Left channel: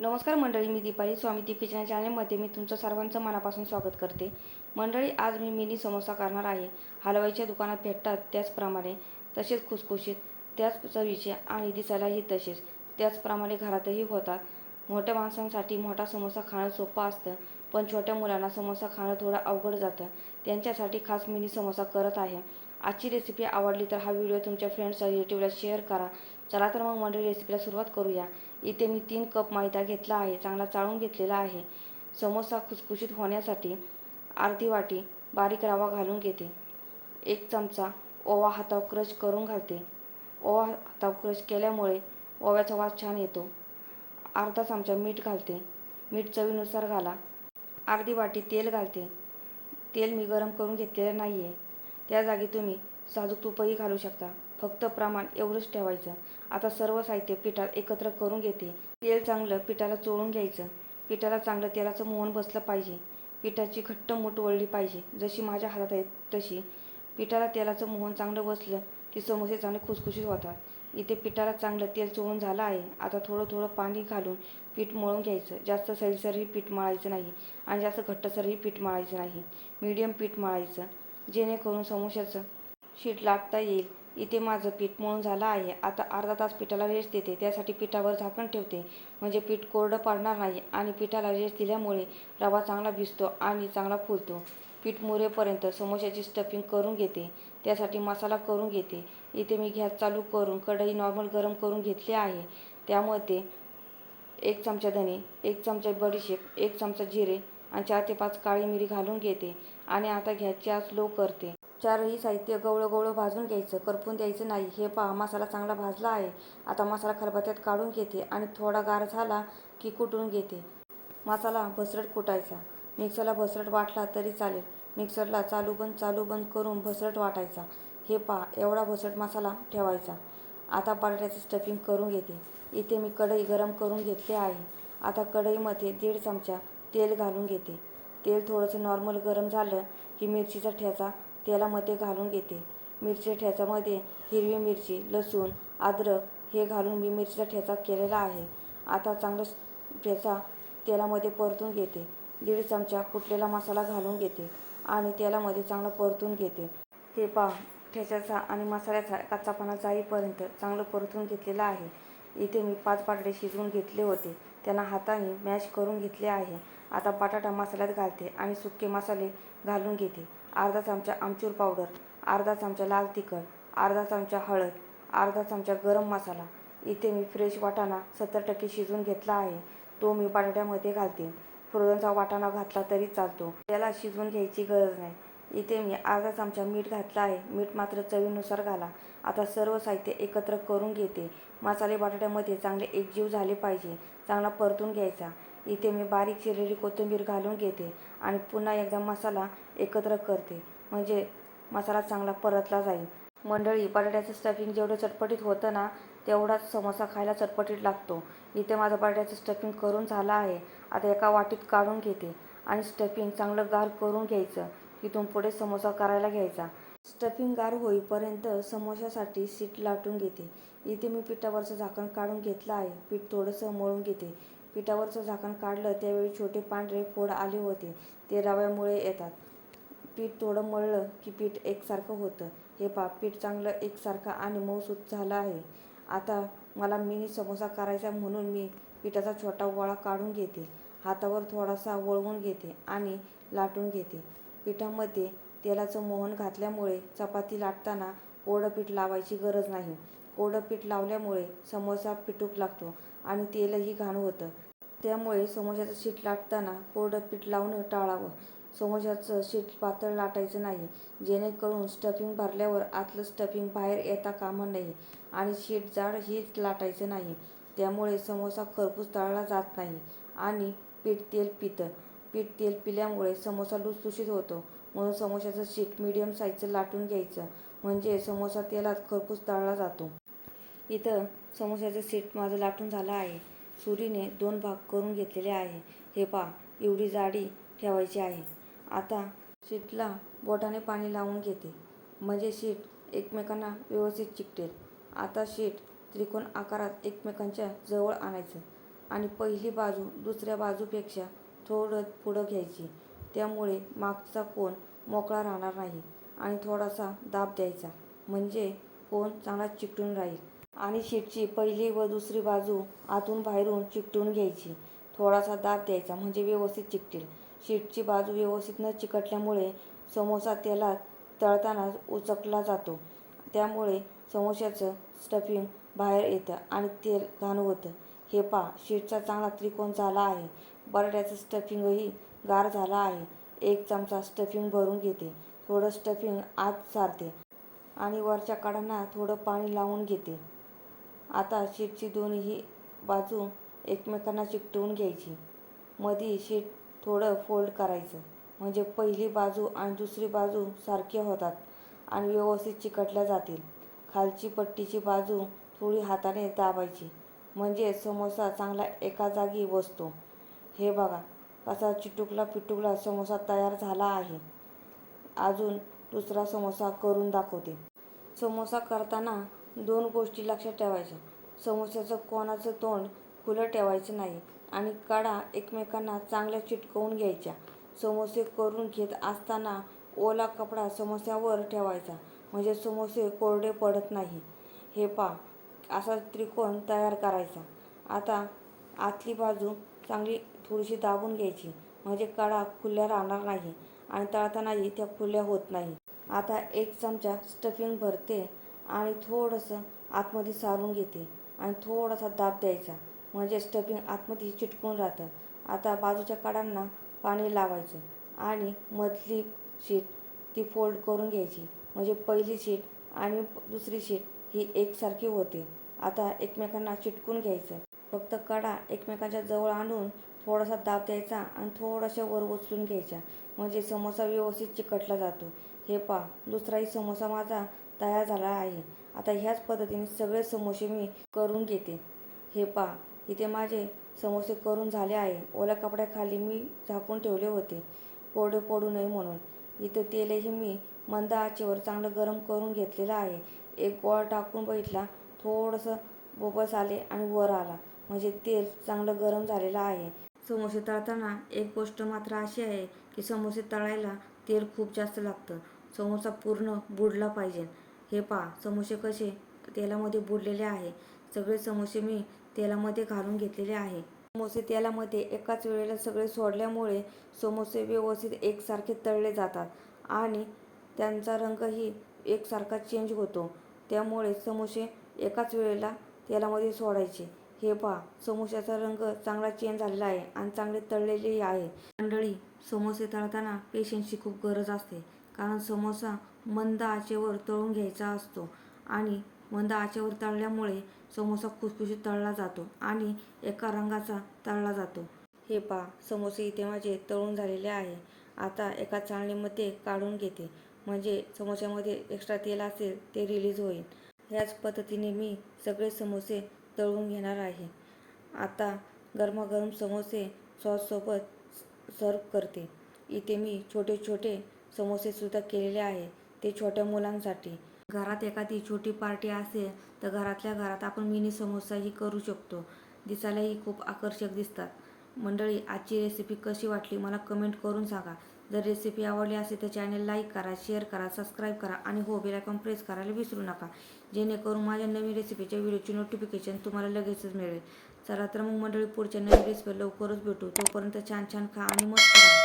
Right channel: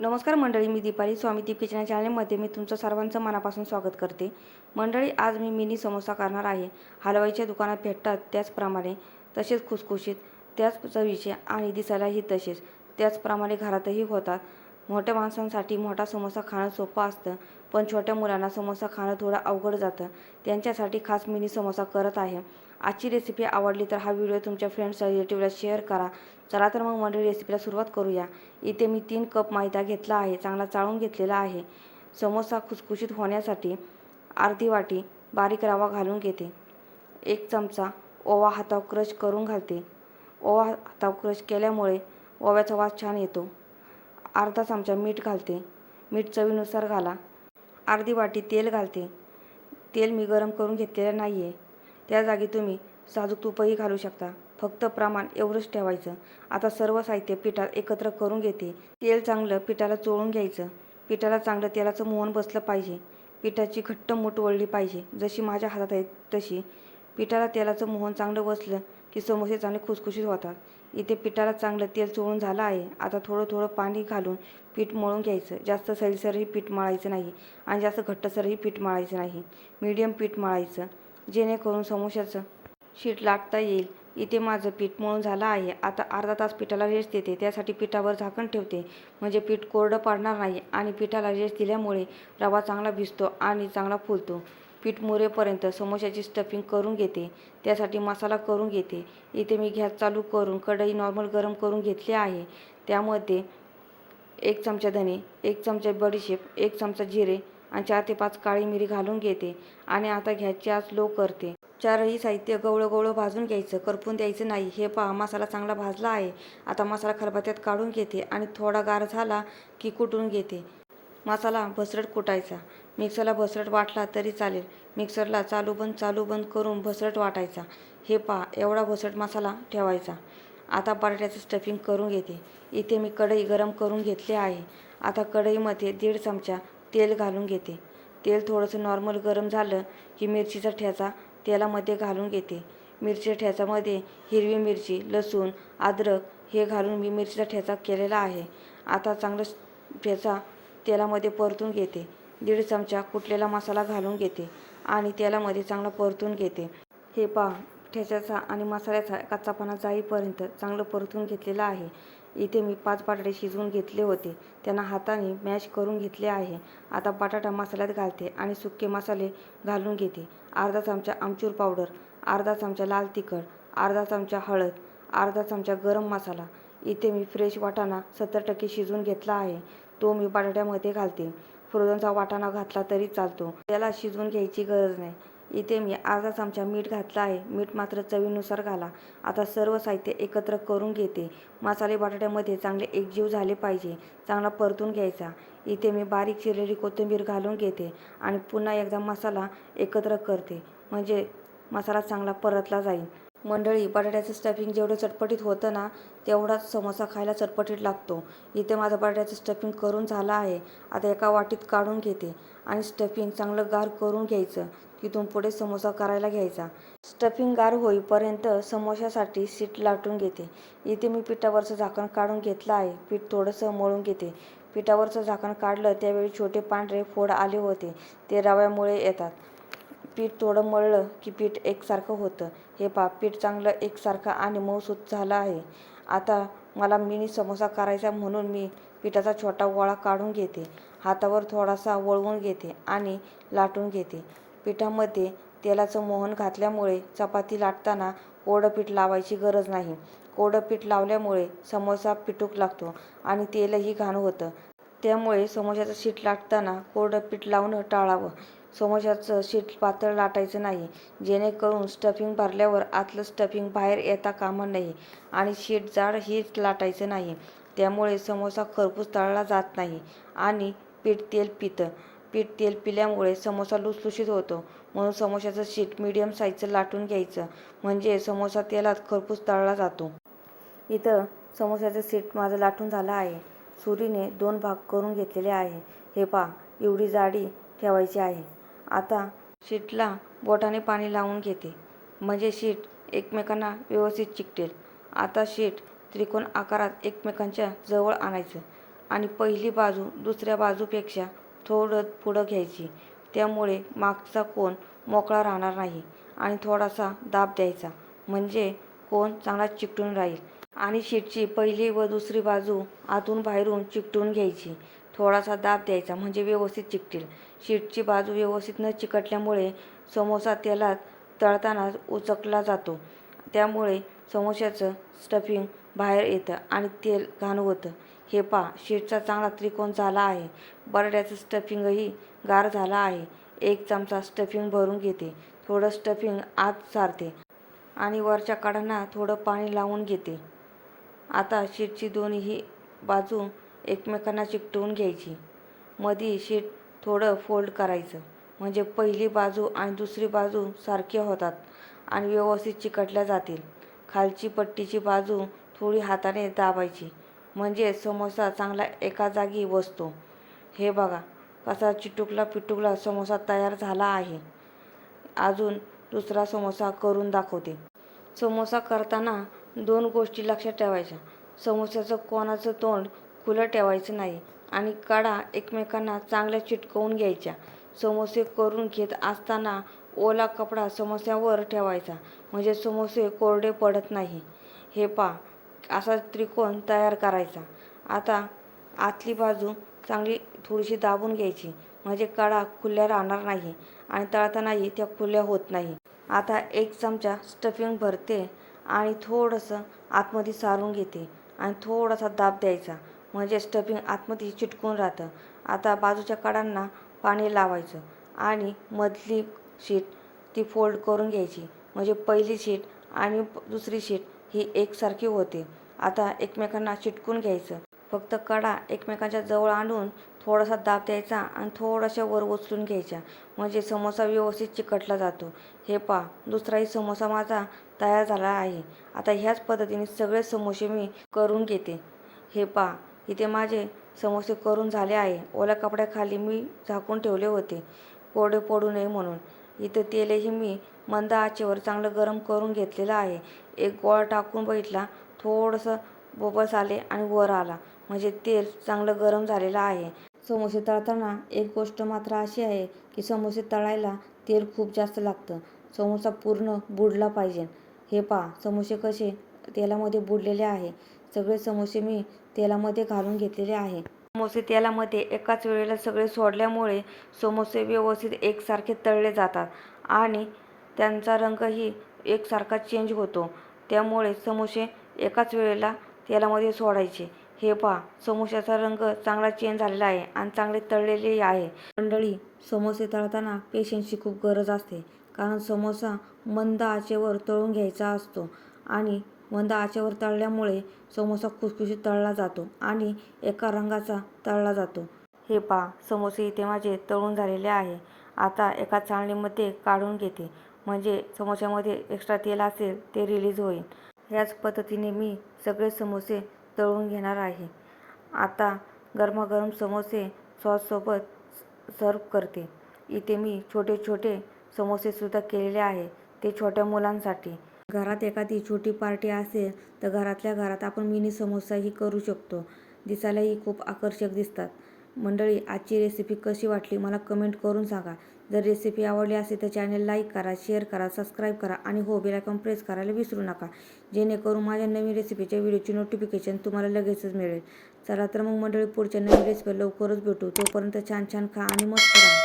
नमस्कार मंडळी मी दीपाली स्वामी दीप किचन चॅनलमध्ये मी तुमचं सर्वांचं मनापासून स्वागत करते. मंडळी आज मी मिनी समोसा करणार आहे. हलवाईच्या दुकानात भेटतात त्याचप्रमाणे तसेच खुसखुशीत त्याच चवीचे आणि दिसायलाही तसेच. त्याचप्रमाणे घरातही होतात. मोठ्या माणसांसाठी मोठा समोसा खाणं सोपं असतं पण छोट्या मुलांना समोसा खाणं थोडं अवघड जातं. त्यांच्यासाठी खास मिनी समोसा करत आहे. आजची रेसिपी आवडली तर हा व्हिडिओ तुमच्या फ्रेंड्स रिलेटिव्हला शेअर करा. चला तर मग मंडळी रेसिपीला सुरुवात करूया. इथे मी तीन कप मैदा घेतला आहे. चांगला चाळून घेतलेला आहे. समोसा खुसखुशीत होण्यासाठी अर्धी वाटी बारीक रवा घालून घेते. एक चमचा ओवा हाताव क्रश करून घालते. ओवा हाताव क्रश केल्यामुळे ओव्याचा वास छान येतो. अर्धा चमचा मीठ घालते. मीठ चवीनुसार घाला. अर्धी वाटी तेल घालते. तेल मी गरम करून घेतलेलं नाही आहे त्या जागी तुम्ही साजूक तुपही घालू शकता. फक्त प्रमाण एवढंच ठेवायचं. आता सर्व साहित्य पिठात एकत्र करून घेते. तेल चांगलं पिठाला चोळून घ्यायचं. पिठाला चांगलं तेलाचं मोहन बसलं पाहिजे. पिठाची घट्ट मूठ वळली पाहिजे. जशी माझ्या हातात आहे तशी. पिठाला तेलाचं मोहन चांगलं बसलं की समोसे चांगले खुसखुशीत होतात. इथे पिठाला चांगलं तेल चोळून झालं आहे. आता थोडं थोडं पाणी घालून पीठ मळून घ्यायचं. जास्त सैलसरही पीठ मळायचं नाही आणि जास्त घट्टसरही पीठ मळायचं नाही. मीडियम पीठ मळायचं. जेणेकरून समोशाचं शीट लागता येईल. इथे माझं पीठ मळून झालं आहे. आता अर्धा तास पिठाला रेस्ट देते. त्यासाठी पिठावर झाकण ठेवते. म्हणजे पीठ कोरडं पडणार नाही आणि पिठाला रेस्ट दिल्यामुळे रवा चांगला भिजतो आणि चांगला फुलतो. पीठ मुरेपर्यंत समोश्याची स्टफिंग करून घेते. त्यासाठी मसाला करून घेते. इथे मी गॅस चालू करून कढई नॉर्मल गरम करून घेतली आहे. त्यामध्ये एक चमचा धने एक चमचा बडीशेप एक चमचा जिरे आणि चार ते पाच काळी मिरी घालून घेते आणि आता घ्यायची आज लो करते. चारही साहित्य गवळं गवळं भाजून घ्यायचं. करपून द्यायचं नाही. हे पहा मसाला चांगला भाजला आहे. आता मसाला खलबत्त्यात काढून घेते आणि थोडा गार झाला की कुटून घेते. मसाला भसरट कुटायचा. मिक्सरला भसरट वाटला तरी चालेल. मिक्सरला चालू बंद चालू बंद करून भसरट वाटायचा. हे पहा एवढा भसरट मसाला ठेवायचा. आता बटाट्याचं स्टफिंग करून घेते. इथे मी कढई गरम करून घेतली आहे. आता कढईमध्ये दीड चमचा तेल घालून घेते. तेल थोडंसं नॉर्मल गरम झालं की मिरचीचा ठ्याचा तेलामध्ये घालून घेते. मिरचीच्या ठ्याचामध्ये हिरवी मिरची लसूण अद्रक हे घालून मी मिरचीचा ठेचा केलेला आहे. आता चांगलं ठेचा तेलामध्ये परतून घेते. दीड चमचा कुटलेला मसाला घालून घेते आणि तेलामध्ये चांगलं परतून घेते. हे पा ठेच्याचा आणि मसाल्याचा कच्चापणा जाईपर्यंत चांगलं परतून घेतलेलं आहे. इथे मी पाच बटाटे शिजवून घेतले होते. त्यांना हाताने मॅश करून घेतले आहे. आता बटाटा मसाल्यात घालते आणि सुके मसाले घालून घेते. अर्धा चमचा आमचूर पावडर अर्धा चमचा लाल तिखट अर्धा चमचा हळद अर्धा चमचा गरम मसाला. इथे मी फ्रेश वाटाणा सत्तर टक्के शिजवून घेतला आहे. तो मी बटाट्यामध्ये घालते. फ्रोझनचा वाटाणा घातला तरी चालतो. त्याला शिजवून घ्यायची गरज नाही. इथे मी अर्धा चमचा मीठ घातला आहे. मीठ मात्र चवीनुसार घाला. आता सर्व साहित्य एकत्र करून घेते. मसाले बटाट्यामध्ये चांगले एकजीव झाले पाहिजे. चांगला परतून घ्यायचा. इथे मी बारीक चिरलेली कोथिंबीर घालून घेते आणि पुन्हा एकदा मसाला एकत्र करते. म्हणजे मसाला चांगला परतला जाईल. मंडळी बटाट्याचं स्टफिंग जेवढं चटपटीत होतं ना तेवढाच समोसा खायला चटपटीत लागतो. इथे माझं बटाट्याचं स्टफिंग करून झालं आहे. आता एका वाटीत काढून घेते आणि स्टफिंग चांगलं गार करून घ्यायचं. तिथून पुढे समोसा करायला घ्यायचा. स्टफिंग गार होईपर्यंत समोशासाठी सीट लाटून घेते. इथे मी पिठावरचं झाकण काढून घेतलं आहे. पीठ थोडंसं मळून घेते. पिठावरचं झाकण काढलं त्यावेळी छोटे पांढरे फोड आले होते. ते रव्यामुळे येतात. पीठ थोडं मळलं की पीठ एकसारखं होतं. हे पा पीठ चांगलं एकसारखं आणि मऊसूत झालं आहे. आता मला मिनी समोसा करायचा म्हणून मी पिठाचा छोटा गोळा काढून घेते. हातावर थोडासा वळवून घेते आणि लाटून घेते. पिठामध्ये तेलाचं मोहन घातल्यामुळे चपाती लाटताना कोरडं पीठ लावायची गरज नाही. कोरडं पीठ लावल्यामुळे समोसा पिटूक लागतो आणि तेलही घाण होतं. त्यामुळे समोशाचं शीट लाटताना कोरडं पीठ लावणं टाळावं. समोशाचं शीट पातळ लाटायचं नाही. जेणेकरून स्टफिंग भरल्यावर आतलं स्टफिंग बाहेर येता कामा नये आणि शीट जाड ही लाटायचं नाही. त्यामुळे समोसा खरपूस तळला जात नाही आणि पीठ तेल पितं. पीठ तेल पिल्यामुळे समोसा लुसलुशीत होतो. म्हणून समोशाचं शीट मीडियम साईजचं लाटून घ्यायचं. म्हणजे समोसा तेलात खरपूस तळला जातो. इथं समोसाचं सीट माझं लाटून झालं आहे. सुरीने दोन भाग करून घेतलेले आहे. हे पहा एवढी जाडी ठेवायची आहे. आता शीटला बोटाने पाणी लावून घेते. म्हणजे शीट एकमेकांना व्यवस्थित चिकटेल. आता शीट त्रिकोण आकारात एकमेकांच्या जवळ आणायचं. आणि पहिली बाजू दुसऱ्या बाजूपेक्षा थोडं पुढं घ्यायची. त्यामुळे मागचा कोण मोकळा राहणार नाही आणि थोडासा दाब द्यायचा. म्हणजे कोण चांगला चिकटून राहील. आणि शीटची पहिली व दुसरी बाजू आतून बाहेरून चिकटून घ्यायची. थोडासा दाब द्यायचा म्हणजे व्यवस्थित चिकटेल. शीटची बाजू व्यवस्थित न चिकटल्यामुळे समोसा तेलात तळताना उचकला जातो. त्यामुळे समोश्याचं स्टफिंग बाहेर येतं आणि तेल घाण होतं. हे पहा शीटचा चांगला त्रिकोण झाला आहे. बटाट्याचं स्टफिंगही गार झाला आहे. एक चमचा स्टफिंग भरून घेते. थोडं स्टफिंग आत सारते आणि वरच्या कडांना थोडं पाणी लावून घेते. आता शीटची दोन्ही बाजू एकमेकांना चिकटवून घ्यायची. मधी शीट थोडं फोल्ड करायचं. म्हणजे पहिली बाजू आणि दुसरी बाजू सारख्या होतात आणि व्यवस्थित चिकटल्या जातील. खालची पट्टीची बाजू थोडी हाताने दाबायची. म्हणजे समोसा चांगला एका जागी बसतो हे बघा कसा चिटुकला पिटुकला समोसा तयार झाला आहे. अजून दुसरा समोसा करून दाखवते. समोसा करताना दोन गोष्टी लक्षात ठेवायच्या. समोस्याचं कोणाचं तोंड खुलं ठेवायचं नाही आणि कडा एकमेकांना चांगल्या चिटकवून घ्यायच्या. समोसे करून घेत असताना ओला कपडा समोस्यावर ठेवायचा. म्हणजे समोसे कोरडे पडत नाही. हे पा असा त्रिकोण तयार करायचा. आता आतली बाजू चांगली थोडीशी दाबून घ्यायची. म्हणजे कडा खुल्या राहणार नाही आणि तळतानाही त्या खुल्या होत नाही. आता एक चमचा स्टफिंग भरते आणि थोडंसं आतमध्ये सारून घेते आणि थोडासा दाब द्यायचा. म्हणजे स्टफिंग आतमध्ये चिटकून राहतं. आता बाजूच्या कडांना पाणी लावायचं आणि मधली शीट ती फोल्ड करून घ्यायची. म्हणजे पहिली शीट आणि दुसरी शीट ही एकसारखी होते. आता एकमेकांना चिटकून घ्यायचं. फक्त कडा एकमेकांच्या जवळ आणून थोडासा दाब द्यायचा आणि थोड्याशा वर उचलून घ्यायच्या. म्हणजे समोसा व्यवस्थित चिकटला जातो. हे पा दुसराही समोसा माझा तयार झाला आहे. आता ह्याच पद्धतीने सगळे समोसे मी करून घेते. हे पा इथे माझे समोसे करून झाले आहे. ओल्या कपड्याखाली मी झाकून ठेवले होते. कोरडे पडू नये म्हणून. इथं तेलही मी मंद आचेवर चांगलं गरम करून घेतलेलं आहे. एक गोळा टाकून बघितला. थोडंसं बोबस आले आणि वर आला. म्हणजे तेल चांगलं गरम झालेलं आहे. समोसे तळताना एक गोष्ट मात्र अशी आहे की समोसे तळायला तेल खूप जास्त लागतं. समोसा पूर्ण बुडला पाहिजे. हे पहा समोसे कसे तेलामध्ये बुडलेले आहे. सगळे समोसे मी तेलामध्ये घालून घेतलेले आहे. समोसे तेलामध्ये एकाच वेळेला सगळे सोडल्यामुळे समोसे व्यवस्थित एकसारखे तळले जातात आणि त्यांचा रंगही एकसारखा चेंज होतो. त्यामुळे समोसे एकाच वेळेला तेलामध्ये सोडायचे. हे पहा समोश्याचा रंग चांगला चेंज झालेला आहे आणि चांगले तळलेले आहे. मंडळी समोसे तळताना पेशन्सची खूप गरज असते. कारण समोसा मंद आचेवर तळून घ्यायचा असतो आणि मंद आचेवर तळल्यामुळे समोसा खुसखुशीत तळला जातो आणि एका रंगाचा तळला जातो. हे पहा समोसे इथे माझे तळून झालेले आहे. आता एका चाळणीमध्ये काढून घेते. म्हणजे समोश्यामध्ये एक्स्ट्रा तेल असेल ते रिलीज होईल. ह्याच पद्धतीने मी सगळे समोसे तळून घेणार आहे. आता गरमागरम समोसे सॉससोबत सर्व करते. इथे मी छोटे छोटे समोसेसुद्धा केलेले आहे ते छोट्या मुलांसाठी. घरात एखादी छोटी पार्टी असेल तर घरातल्या घरात आपण मिनी समोसाही करू शकतो. दिसायलाही खूप आकर्षक दिसतात. मंडळी आजची रेसिपी कशी वाटली? मला कमेंट करून सांगा. जर रेसिपी आवडली असेल तर चॅनल लाईक करा शेअर करा सबस्क्राईब करा आणि हो बेल आयकॉन प्रेस करायला विसरू नका. जेणेकरून माझ्या नवीन रेसिपीच्या व्हिडिओची नोटिफिकेशन तुम्हाला लगेचच मिळेल. चला तर मग मंडळी पुढच्या नवीन रेसिपी लवकरच भेटू. तोपर्यंत छान छान खा आणि मस्त करा